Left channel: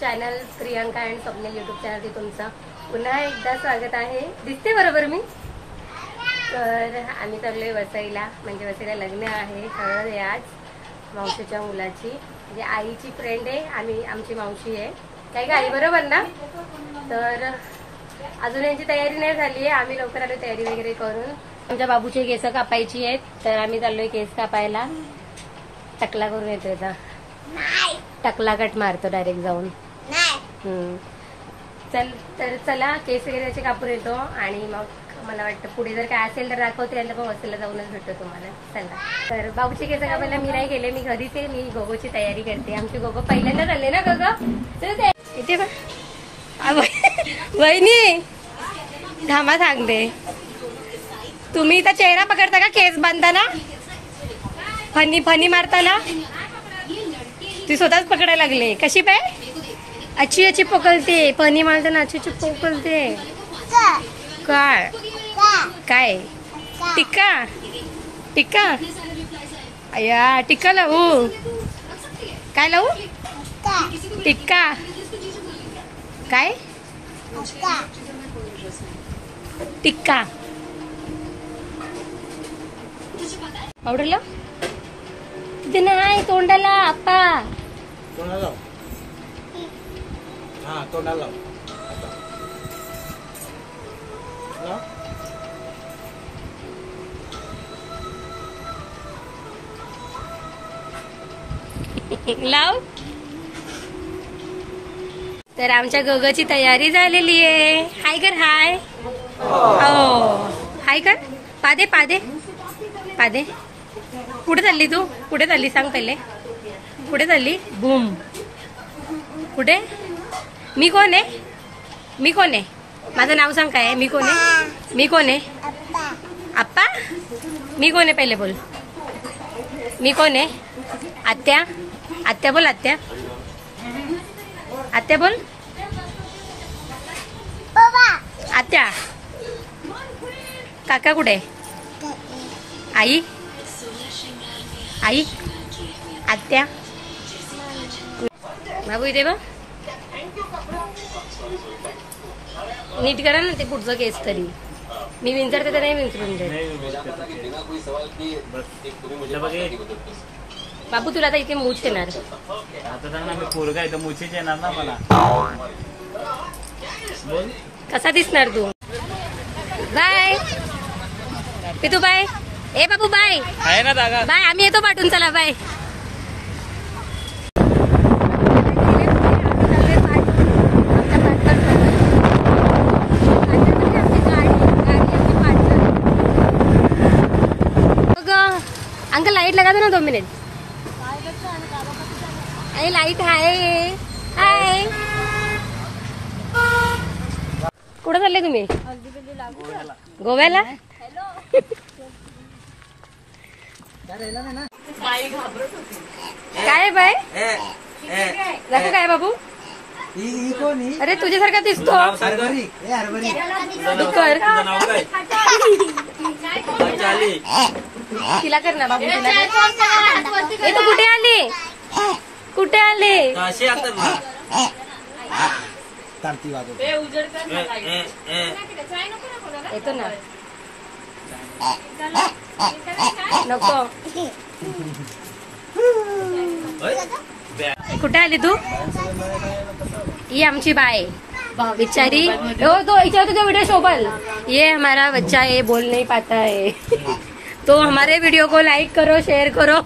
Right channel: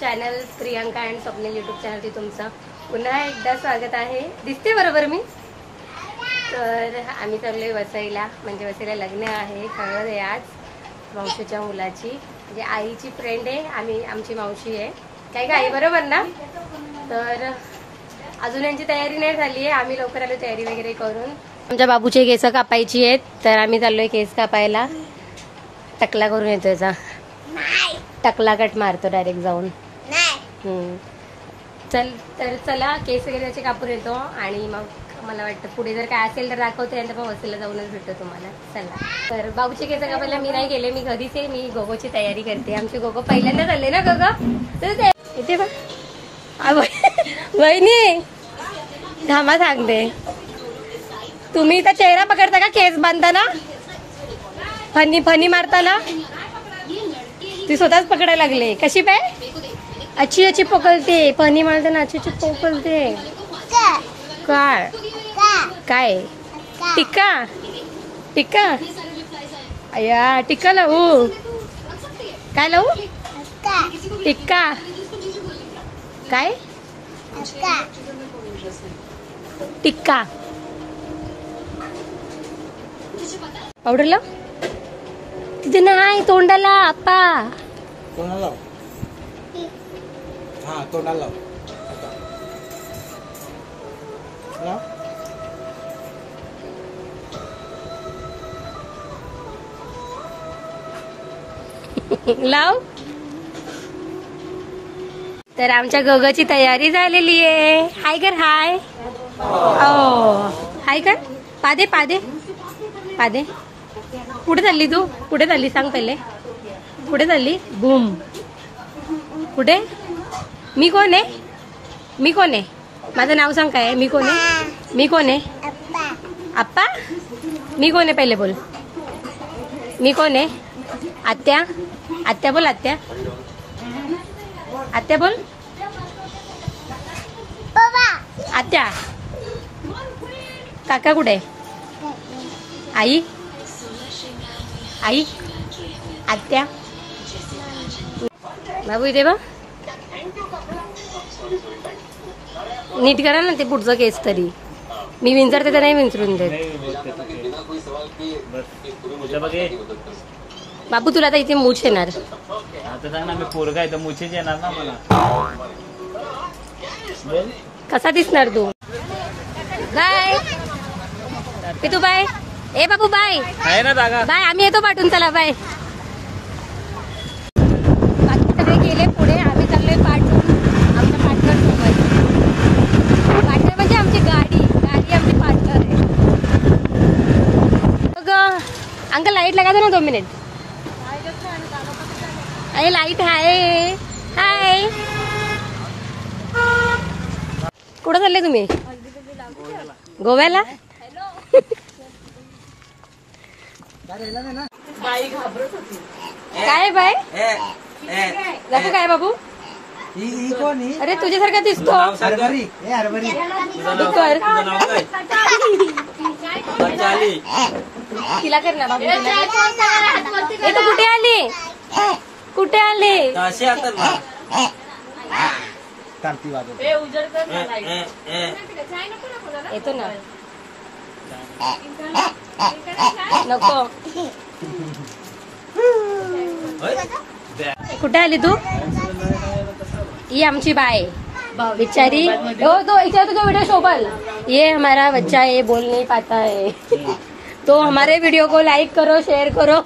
Channel Priyanka and Swapnil YouTube चॅनलवरती तुमचं पुन्हा एकदा स्वागत आहे. दिसते बरोबर मी? तर आम्ही चाललोय वसईला, म्हणजे वसईला लग्न आहे, हळद आहे आज मावशीच्या मुलाची, म्हणजे आईची फ्रेंड आहे, आमची मावशी आहे. काय का आई बरोबर ना? तर अजून यांची तयारी नाही झाली आहे, आम्ही लवकर आलो तयारी वगैरे करून. आमच्या बाबूचे केस कापायची आहेत, तर आम्ही चाललोय केस कापायला. टकला करून येतो याचा, टकला कट मारतो डायरेक्ट जाऊन. तर चला केस वगैरे त्याचे कापून येतो आणि मग मला वाटतं पुढे जर काय असेल तर दाखवते, आणि पण वसईला जाऊनच भेटतो तुम्हाला. चला, तर बाबूचे केस कापायला मी नाही गेले, मी घरीच आहे. मी गोगोची तयारी करते. आमची गोगो पहिल्यांदा चालले ना गोगो, इथे बा वहिनी थांबा सांगते. तुम्ही इथं चेहरा पकडता का केस बांधताना? फनी फनी मारताना ती स्वतःच पकडायला लागले. कशी पाय अच्छी अच्छी पकडते, फनी मारताना अच्छी अच्छी पकडते. काय काय टिक्का टिक्का अया टिक्का लावू? काय लावू? टिक्का काय? टिक्का पावडर लाव तिथे नाही, तोंडाला आप्पा. तोंडाला लाव. तर आमच्या गोगोची तयारी झालेली आहे. हाय कर, हाय. हाय कर, पादे पादे पादे. कुठे चालली तू? कुठे चालली सांग पहिले, कुठे चालली? बूम. कुठे? मी कोण आहे? मी कोण आहे? माझं नाव सांग काय? मी कोण आहे? मी कोण आहे? आप्पा. मी कोण आहे पहिले बोल. मी कोण आहे? आत्या. आत्या बोल, आत्या. आत्या बोल, आत्या. काका कुठे? आई. आई. आत्या. बाबू इथे बघ, नीट करा ना ते पुढचं केस. तरी मी विंचरते तर नाही विंचरून देत. बाबू तुला आता इथे मूछ येणार. कसा दिसणार तू? बाय पितू, बाय. ए बाबू बाय बाय. आम्ही येतो पाठवून, चला बाय. सगळे गेले पुढे, आम्ही चाललोय पाठवून आमच्या पार्टनर सोबत. पार्टनर म्हणजे आमची गाडी आमची पार्टनर. मग अंकल लाईट लगा दो ना 2 मिनिट. अरे लाईट आहे. हाय, कुठं चालले तुम्ही? गोव्याला. काय बाय दाखव काय बाबू? अरे तुझ्यासारखा दिसतो. कर तिला कर ना बाबू, तिला. ए तू कुठे आली? कुठे आले? येतो ना. नको. कुठे आली तू? ये आमची बाय बिचारी. तो इच्छा तुझा वीडियो शोभल. ये हमारा बच्चा है, बोल नहीं पाता है, तो हमारे वीडियो को लाइक करो, शेयर करो.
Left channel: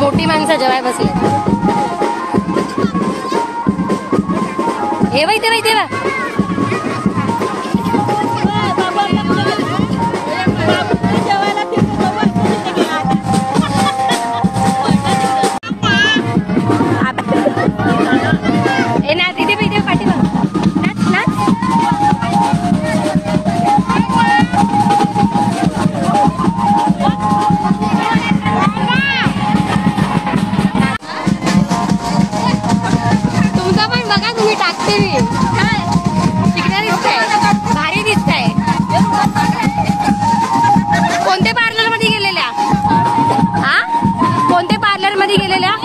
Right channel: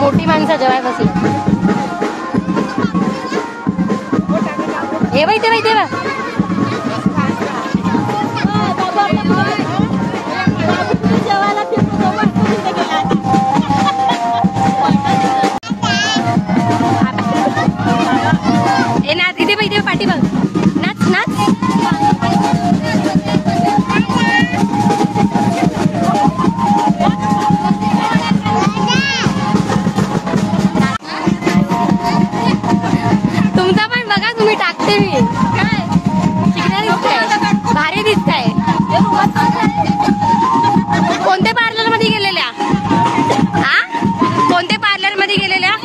मोठी माणसं जेवाय बसले. हे बाई ते बाई तेव्हा कोणत्या पार्लर मध्ये गेलेल्या? कोणत्या पार्लर मध्ये गेलेल्या?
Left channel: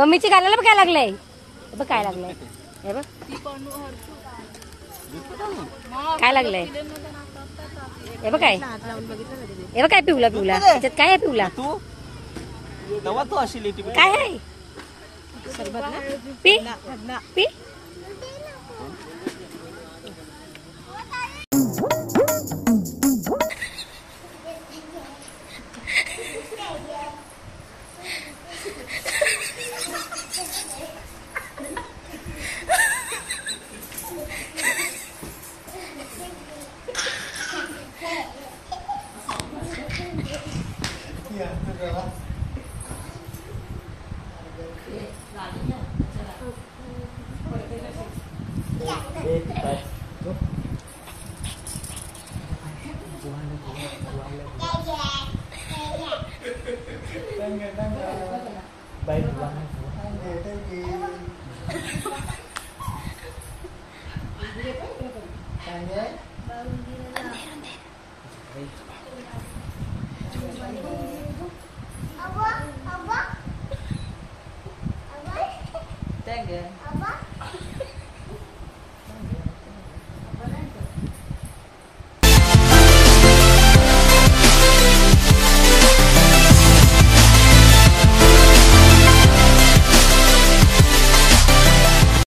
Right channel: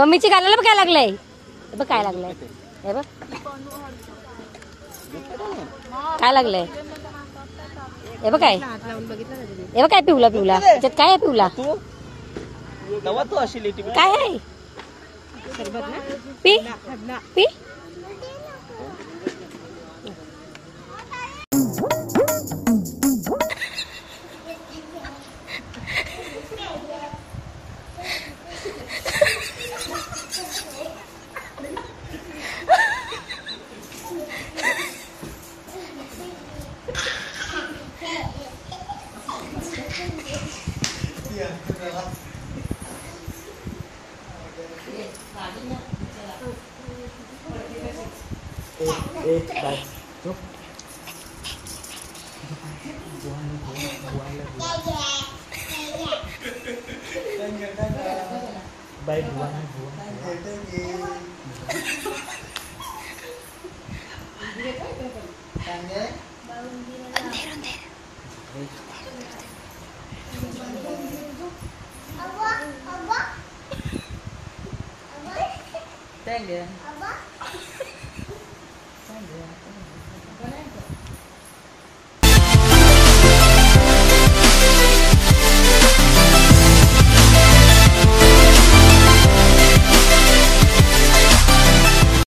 मम्मीची गालाला बघ काय लागलंय, बघ काय लागलंय, हे बघ काय लागलंय, हे बघ काय, हे बघ काय पिवला पिवला, त्याच्यात काय आहे पिवला, काय आहे, पी पी